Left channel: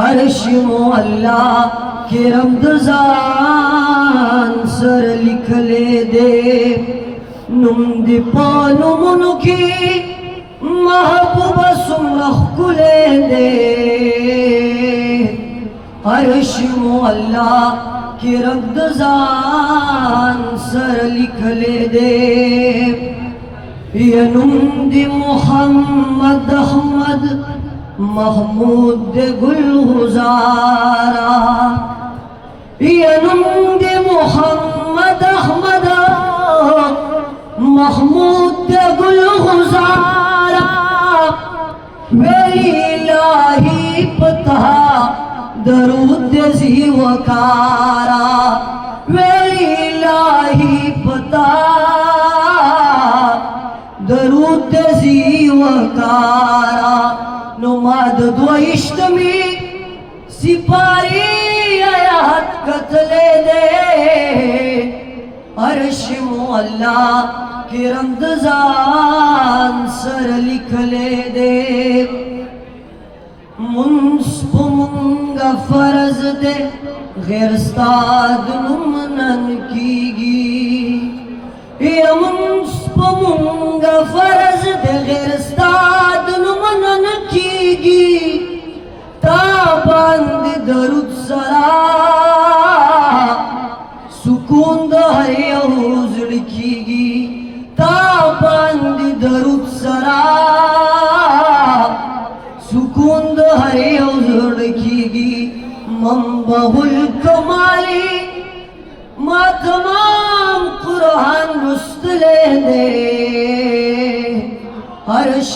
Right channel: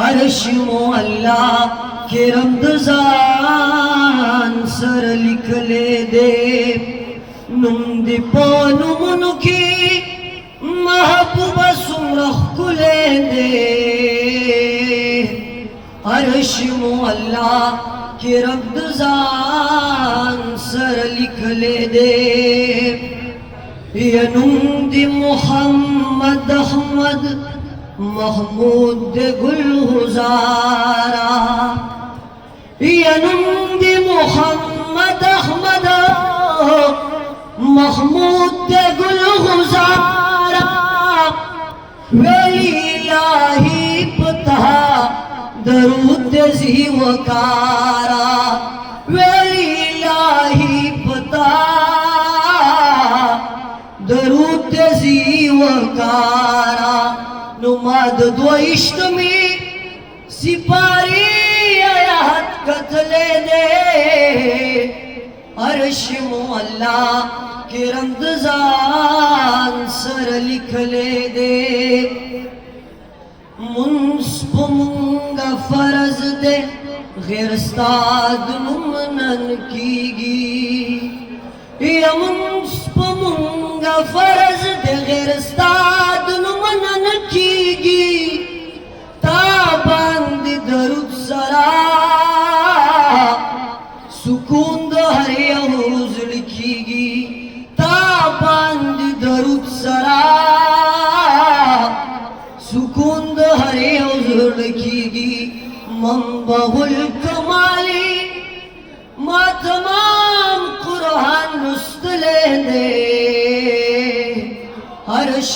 अर्श अल्लाह के रमज़ान सर लिख ले दे नुम दी पानुमुन की महबूबा सुमरख कुले दे अर्श अल्लाह के रमज़ान सर लिख ले दे ये नुम दी मोहम्मद अहमद महमूद गुलजारा ये नंदी मोहम्मद अहमद महमूद गुलजारा वेलाही पता दरूद जीवकारा वेलाही पता दरूद जीवकारा नुमाद दो इश्तमी सिपारी आयात कतले दे अर्श अल्लाह के रमज़ान सर लिख ले दे मुंसब मुंगा फर्ज दे गैर स्ताद नुमनन कीगी ये मुंसब मुंगा फर्ज दे गैर स्ताद नुमनन कीगी ताबंद दरुद सरा सुकून हर यहूज लिखीगी ताबंद दरुद सरा सुकून हर यहूज लिखीगी मंबहुल कमाली मा तमाम कुरान रुस्तले दे अर्श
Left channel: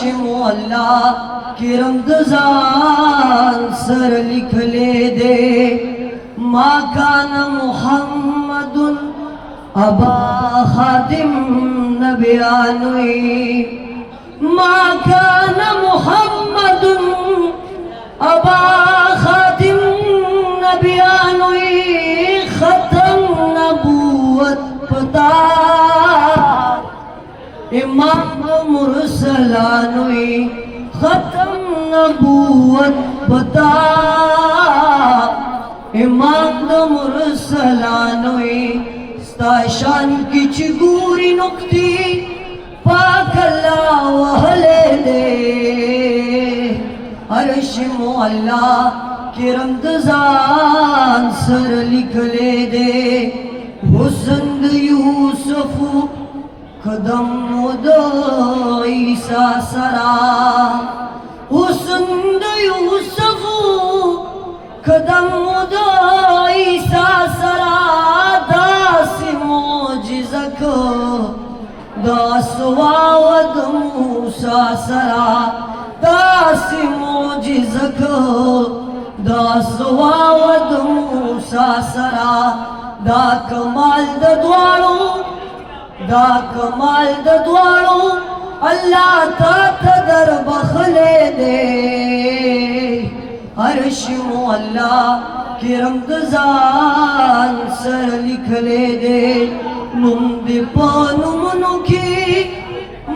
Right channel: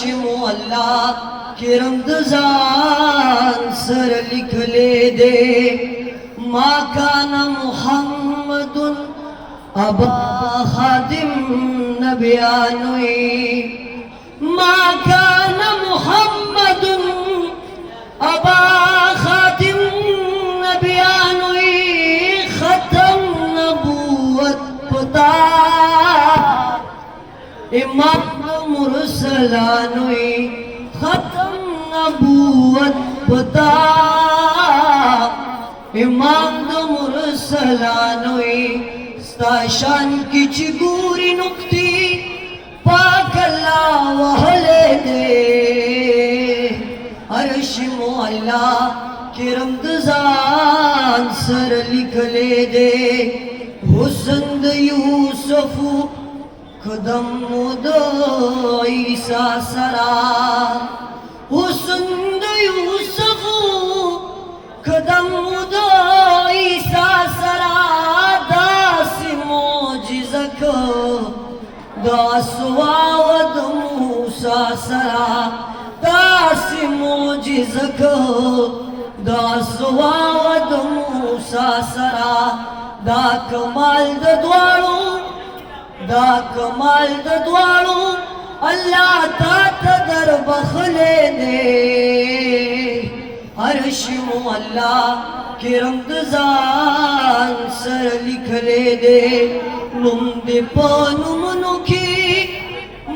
अल्लाह के रमज़ान सर लिख ले दे मा काना मुहम्मदुन अबा खादिम नबियानुई मा काना मुहम्मदुन अबा खादिम नबियानुई खत्म नबूवत पता इमाम मुरसलानुई खत्म नबूवत पता इमाम मुरसलानुई स्ताशान की चिगूरी नुक्ती पाक अल्लाह वहले दे अर्श अल्लाह के रमज़ान सर लिख ले दे हुस्न यूसुफ कदम दो ईसा सरा हुस्न यूसुफ कदम दो ईसा सरा दास मोजिज़क दास वावद मूसा सरा दास मोजिज़क दास वावद मूसा सरा दा कमाल द्वारो दा कमाल द्वारो अल्लाह ता दर बखले दे अर्श अल्लाह के रमज़ान सर लिख ले दे नुम दे पानुमुनु की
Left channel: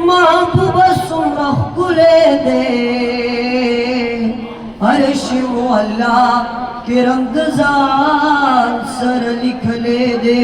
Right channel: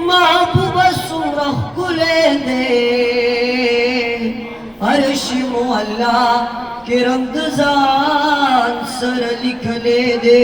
महबूबा सुमरख कुले दे अर्श अल्लाह के रमज़ान सर लिख ले दे